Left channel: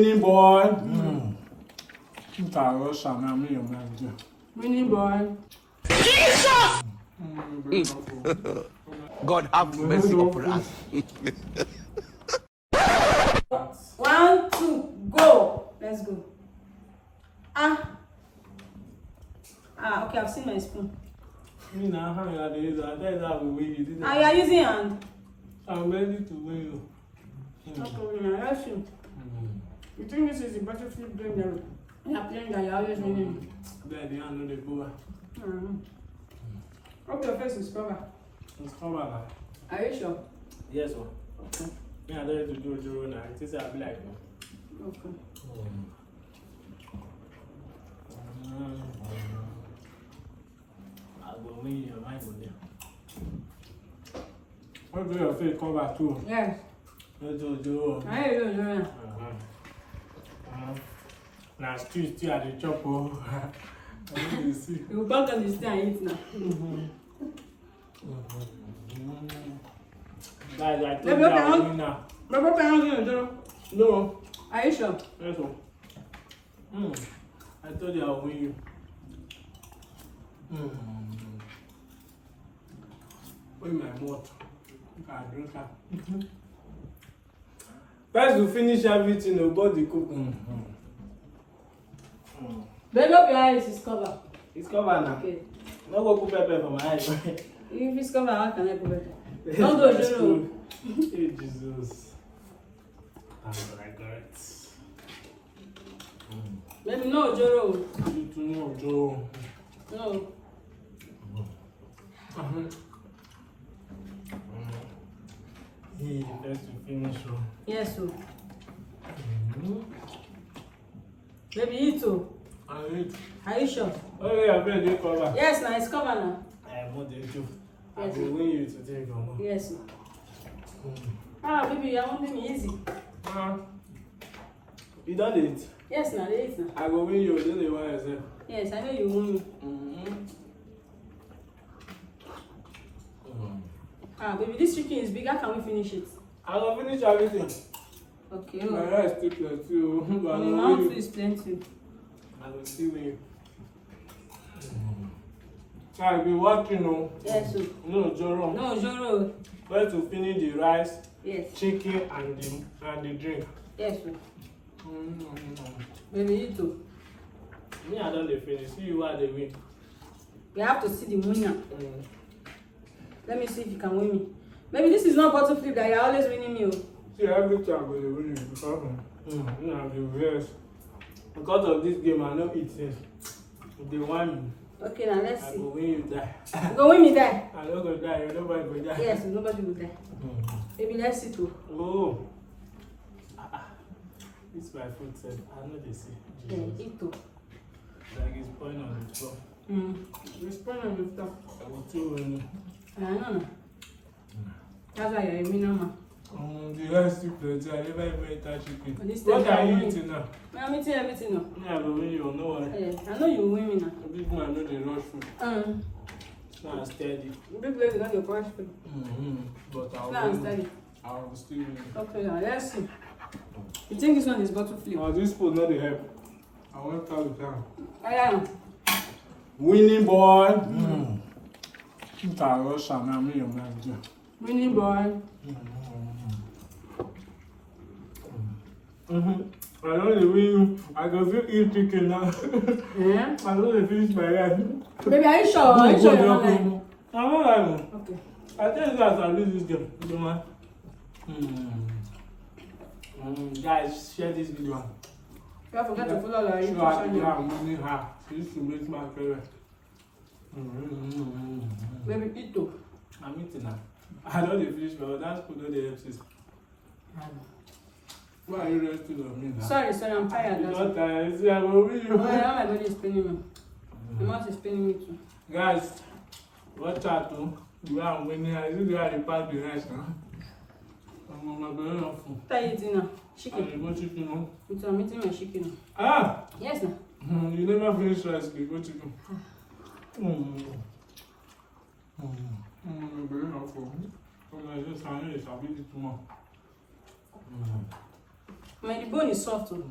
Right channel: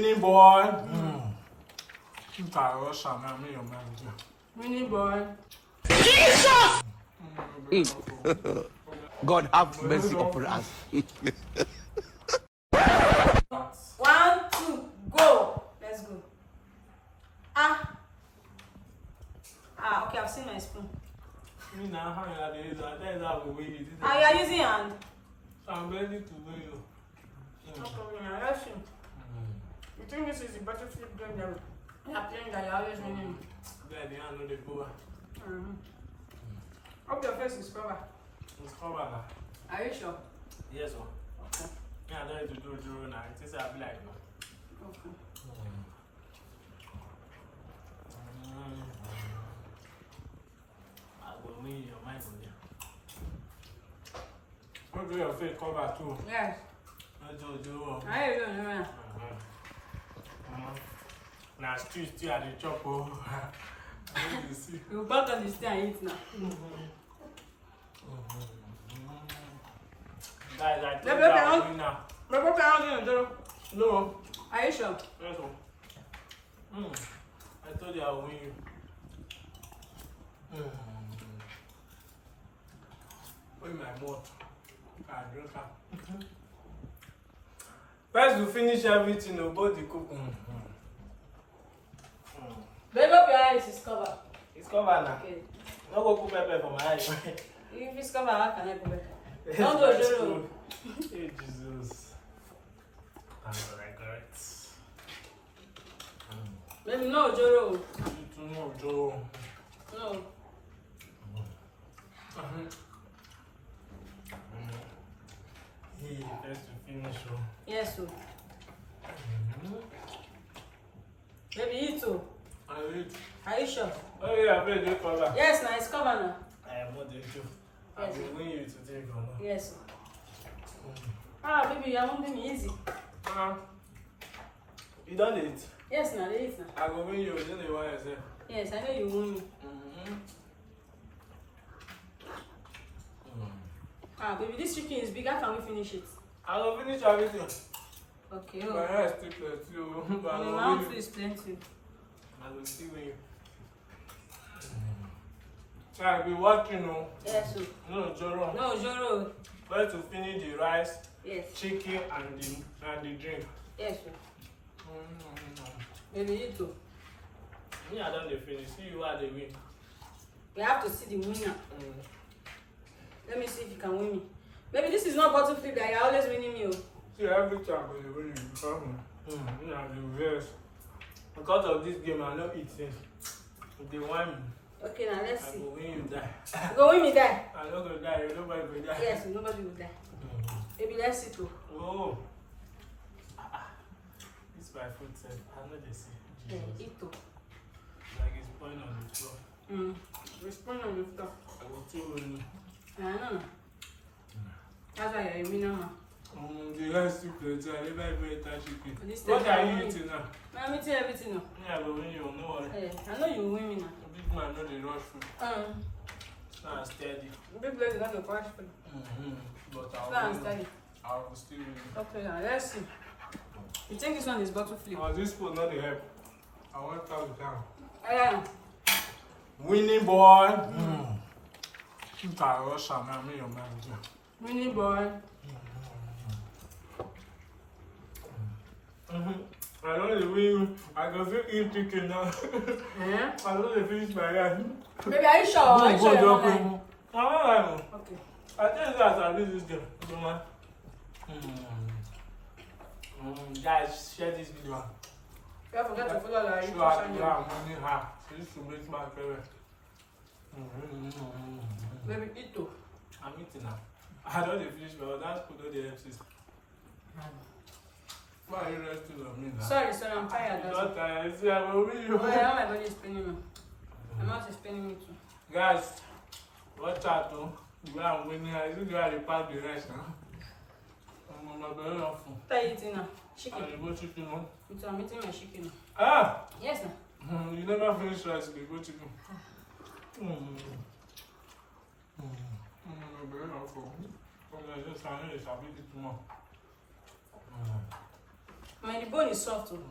Winning boy. Winning boy. Jesus! God have mercy upon us. 1, 2, go. Let's go. Okay, I've seen my spoon. You are using hand. I'm ready to win you. Okay, let's see. You think this is the battlefield game that you're playing that you're always winning? Glad you know the goal. Hope your face is covered. It's covered. Are you sure? Yes, sir. Okay. Yeah, I'm ready to do Joro now. It is a black one. Okay. I will win your mind with you. How do your face cover too? Yes. Let's do Joro. I hear you doing it. Now, still at the chop. I need to see. You back on the stay and eat now. Guys, I told you I will win now. But what are you doing? No. Are you sure? Yes, sir. I told you I will win you. Win my mouth. I drink her. First, we finish everything about the cooking. Bend up your eyes, it's covered. It's covered now. Okay. No go put pepper for my eyes. If it's covered, how can I put it? Don't do it, Joro. Hey, Jesus. I got it. Baby, no, Joro. You too know, Joe. No. Hey, let's finish. Yes, sir. Baby, eat too. I eat. Are you sure? Oh, yeah, I bet you cover. Yes, now it's covered now. I am not the issue. I Yes, will win you today, Grandma. Yes, sir. Baby, you are making me easy. You done it? Yes, now they eat now. I will win you, then they want yourself. Yes, I know you win me. Baby, this chicken is big. How can we finish it? I will finish everything. Okay. My hair is still plenty, but I My will mouth win you. is plenty. I will still win you. I've been watching, Yes, sir. no, Joro. No, Joro. Where to finish the rice, Yes. chicken, and the drink. Yes, sir. Baby, eat too. Me, I don't finish. See you are the win. You have to see the winner. Let me see if you can win me. Maybe this is not bottle flip that you're always winning me. See, every time I will win you because you know the verse. Because of this game, I know it is. They want me. Okay, now let's I see. will win you die. You go win me die. I don't go die. Nobody go die. Yes, nobody will die. Baby, let's see too. Oh. This is my food set. I know they see. Yeah, eat too. Like it's pouring on the floor. Respond on the stuff. I will too win. I know. That's why you're a winner, man. The rice still plenty. I never even ate that chicken. This What time are you I win. eating now? I'm eating everything now. Me, I will win you. No one. I know you will win me now. Big man know the rush food. Now steady. Big lady not the crush food. But I Now will I'm win. steady. I will still win. Okay, now let's see. You think this one is bottle flip? Oh, this food not the help. I want to tell you down. I know. Winning boy. You can rush and I'm in your mind. Winning boy. I know the win. I can still eat chicken now. Yeah? I know they finish my rice. Baby, are you sure? Are you sure you're not lying? I'm not lying. Okay. I think that's at least this game. You know, guys, share this video. Don't forget to follow our Show YouTube her the channel. I'm winning her. She used to make my favorite. Baby, eat too. I'm eating now. I don't finish my own. That's good. Don't they help sis. Why are you resting on me now? Sorry, I'm tired. You're That's not tired. See, I will win you. why now my body is paining me. My mouth is paining me too. Guys, watch out too. You are winning. I see you are the part the rice now. I'm not going off. What are you eating now? Chicken. I'm chicken. I'm eating my chicken now. Ah! Yes, now. You never finish rice. You go chicken. Very helpful. Just I know it's a bit too much. The bone is soft too.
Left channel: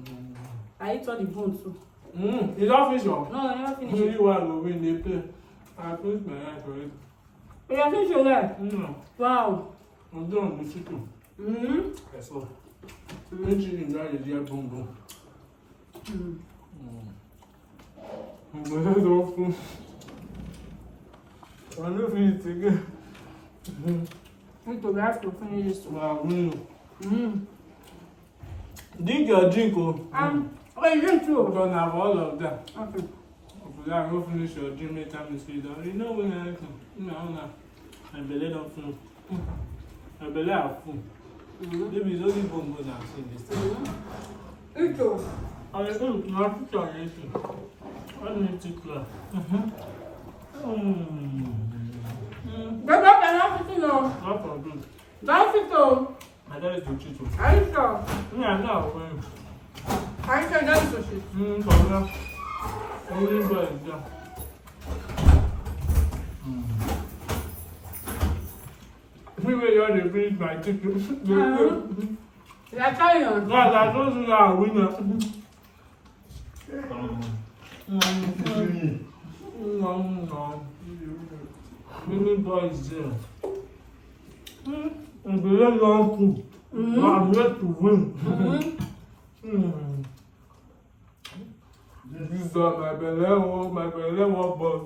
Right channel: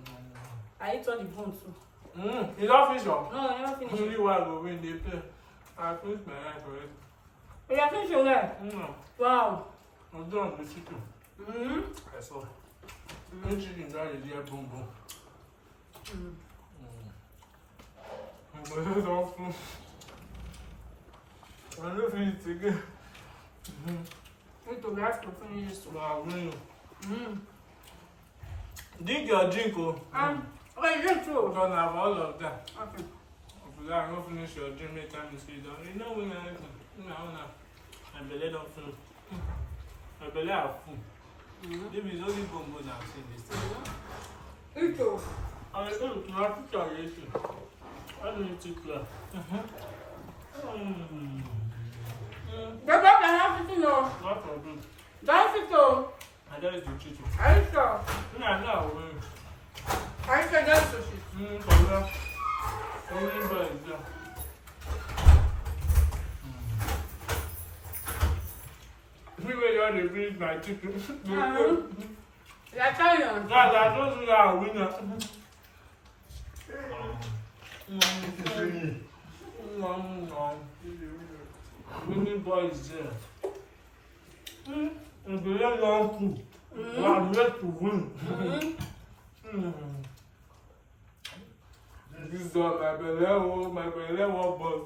I eat all the bone too. You don't finish up? No, I never finish Only it. one will win the play. I finish my head for it. You have finished your leg? Wow. I'm done with the chicken. I saw. Chicken dry the dear boom boom. I'm going to open. I don't feel it again. Me too, guys, to finish this too. Wow, drink your drink, oh. Okay, you drink too. Because I have all of that. Okay. After that, I go finish your drink, make time to sit down. You know when I eat now. My belly don't full. My belly are full. Maybe it's only bongos I'm seeing this. Eat too. I will do my picture later. Why don't you take care? But I have to know. Not for good. Don't sit too. My dad is the chicho. Are you sure? I know I'm going. I said that is sushi. For that. Only God is there. Anyway, you want to finish my chicken. Yeah, carry on. Guys, I told you that I'm winner. Mimi boy is there. I'm very long too. I'm yet to win. This is my belly won't bust.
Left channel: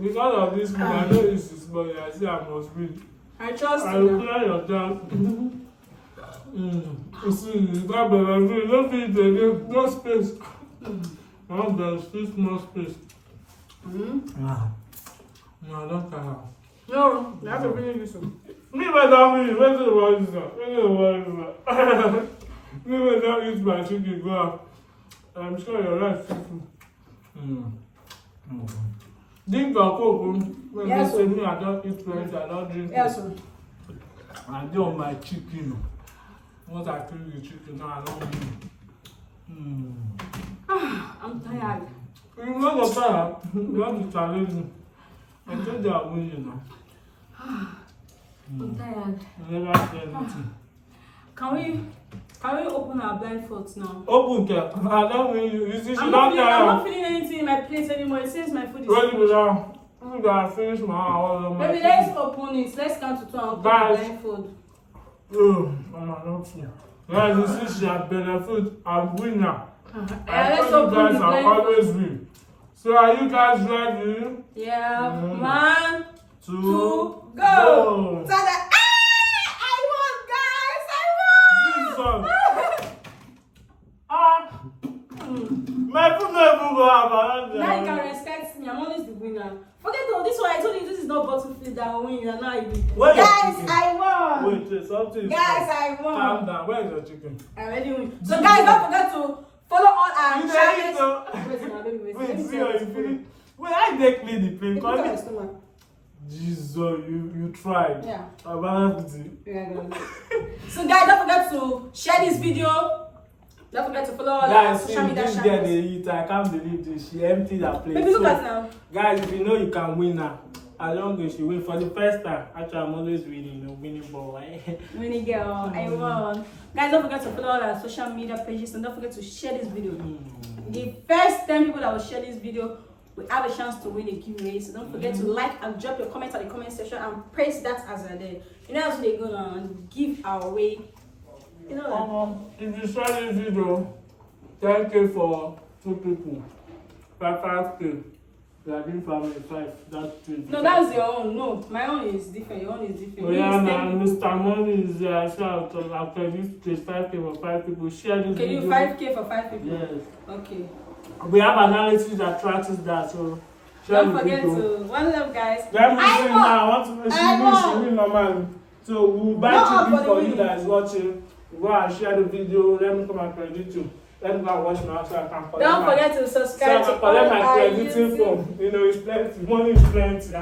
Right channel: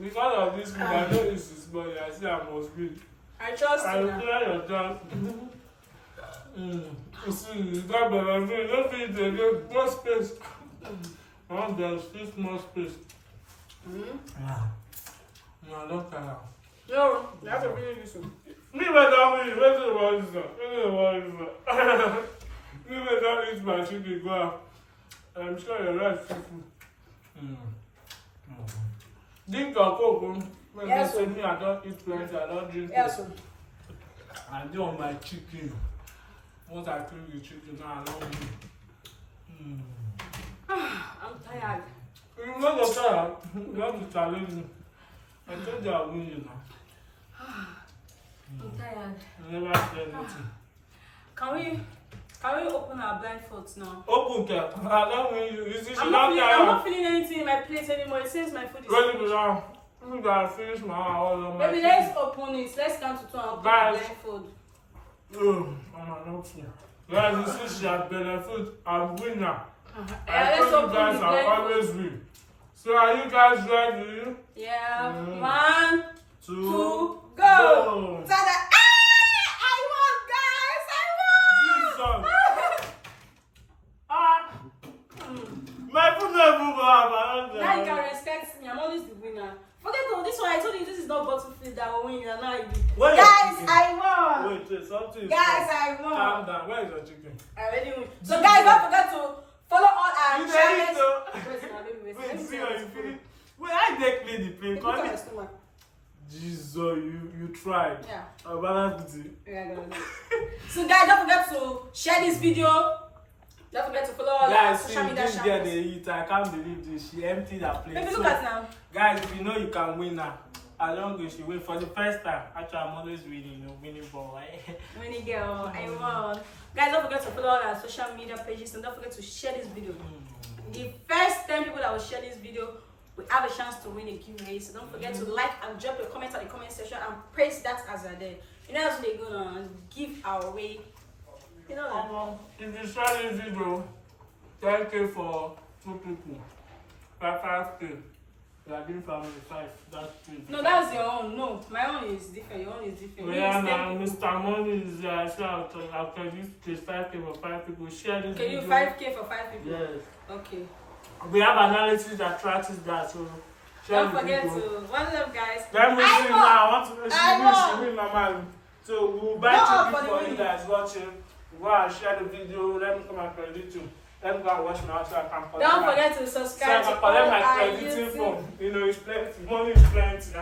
Because of this food, I know this is small. I say I must win. I trust I you. will clear your down. You see, that belly, you don't feel it again. No space. Now there's still small space. No, I don't care. No, you have to finish this one. Me, my dad, me, where's the one? Me, my dad eats my chicken, go out. I'm sure you're right, Fifu. Drink your coke, when Yes, they say me, I don't eat rice, I don't drink Yes, it. I do on my chicken. Once I kill the chicken, now I don't eat. I'm tired. You're not tired. You want to challenge me. I told you I'll win you now. I'm tired. You never said anything. Can we open our blindfolds now? Open care. I don't win you. You see, she I'm don't not care. feeling anything in my plate anymore. It seems my food is. Ready, brother? I'm gonna finish my all of my Baby, chicken. let's open it. Let's count to 2 and open the Guys. blindfold. Mama, not you. Guys, you see, she has benefit. I'm winner. Let's told open you guys the I blindfold. always win. So are you guys ready? Yeah. Mm. 1, 2, go. Tada. I won, guys. I won. My food never go have Now you can respect me. I'm always the winner. Forget all this one. I told you this is not battlefield that will win. You're not even. Where Guys, I won. Wait, something. Guys, I won. Calm down. Where is your chicken? I already win. So guys, don't forget to follow all our You channels. didn't Wait, see how you feel. Wait, I did clean the plate. Look at my stomach. Jesus, you tried. Yeah. I'm gonna put it. Yeah, so guys, don't forget to share this video. Don't forget to follow all our Guys, social see, media this girl they channels. eat. I can't believe this. She emptied her plate. Baby, look So, at now. guys, if you know you can win now, as long as you win for the first time. Actually, I'm always winning, you know, winning ball. Winnie girl, I won. Guys, don't forget to follow all our social media pages and don't forget to share this video. The first 10 people that will share this video will have a chance to win a giveaway. So don't forget to like and drop your comments at the comment section and press that as a day. You know how they go on give away. You know that. If you share this video, 10K for 2 people, 5K. We are doing family 5. That's 20. No, that's your own. No, my own is different. Your own is different. Oh, yeah, man, Mr. Money is there. Shout out after this case 5K for 5 people. Share this Okay, video. you 5K for 5 people. Yes. Okay. We have analysis that tracks that, so share Don't the forget video. to one love, guys. Let me see won. now. I want to see normal. So we'll buy No, chicken for you the guys watching. Go and share the video. Let me come and credit you. Let me go and watch my house so I can collect Don't my, forget to so I subscribe can to collect all my our crediting YouTube. form. You know, it's plenty. Money is plenty.